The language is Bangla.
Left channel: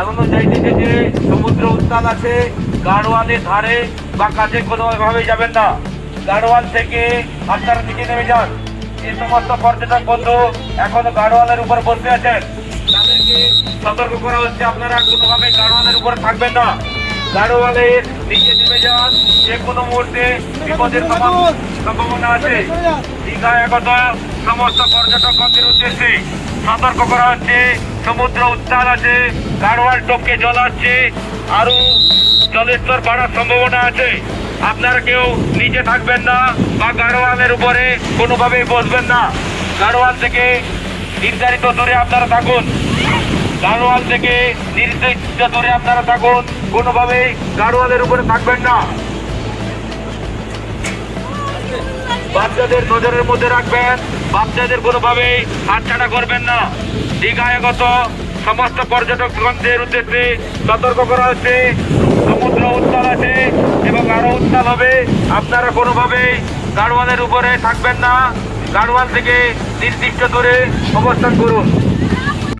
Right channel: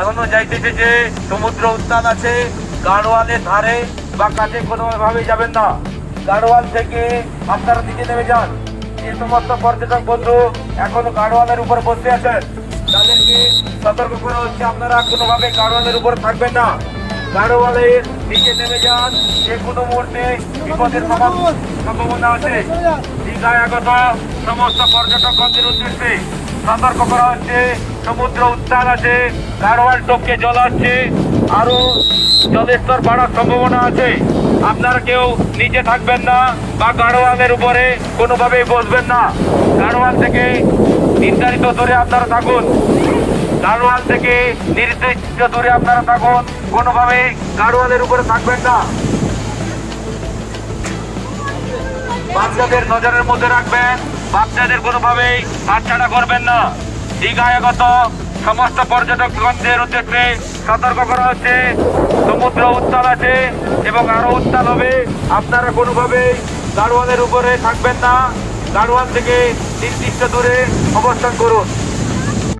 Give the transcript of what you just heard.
জানানো যাইতেছে যে সমুদ্র উত্তাল আছে, গাড়োয়ালের ধারে বা কাছে কোনোভাবেই যাবেন না। গাড়োয়াল থেকে আপনারা দিকে নেমে যান। যে সমস্ত পর্যটক বন্ধু এখনো গাড়োয়ালের উপর বসে আছেন তাদেরকে সতর্ক করা হচ্ছে, আপনারা কোনোভাবে গাড়োয়ালের উপর থাকবেন না। গাড়োয়ালের নিচে নেমে যান, যে কোনো মুহূর্তে বিপদের সম্ভাবনা আছে। দীঘায় আগত সমস্ত পর্যটকদের উদ্দেশ্যে সতর্ক করা হচ্ছে, সমুদ্র উত্তাল আছে, গাড়োয়াল টপকে জল আসছে, আরো জলের স্তর বাড়ার সম্ভাবনা আছে। আপনারা কেউ নিচে থাকবেন না বা গাড়োয়ালের উপরে কোনোভাবে বসবেন না। গাড়োয়াল থেকে নির্ধারিত দূরে আপনারা থাকুন। গাড়োয়াল থেকে নির্দিষ্ট দূরে আপনারা থাকুন, কোনোভাবে গাড়োয়ালের উপরে থাকবেন না। বাচ্চাদের নজরের মধ্যে রাখবেন, বাচ্চাদের কোনোভাবে হাতছাড়া করবেন না। দীঘায় আগত সমস্ত পর্যটকদের উদ্দেশ্যে সতর্ক করা হচ্ছে, সমুদ্র উত্তাল আছে এবং আরো উত্তাল হবে। আপনারা কোনোভাবে গাড়োয়ালের উপরে থাকবেন না। গাড়োয়াল থেকে নির্দিষ্ট দূরে অবস্থান করুন।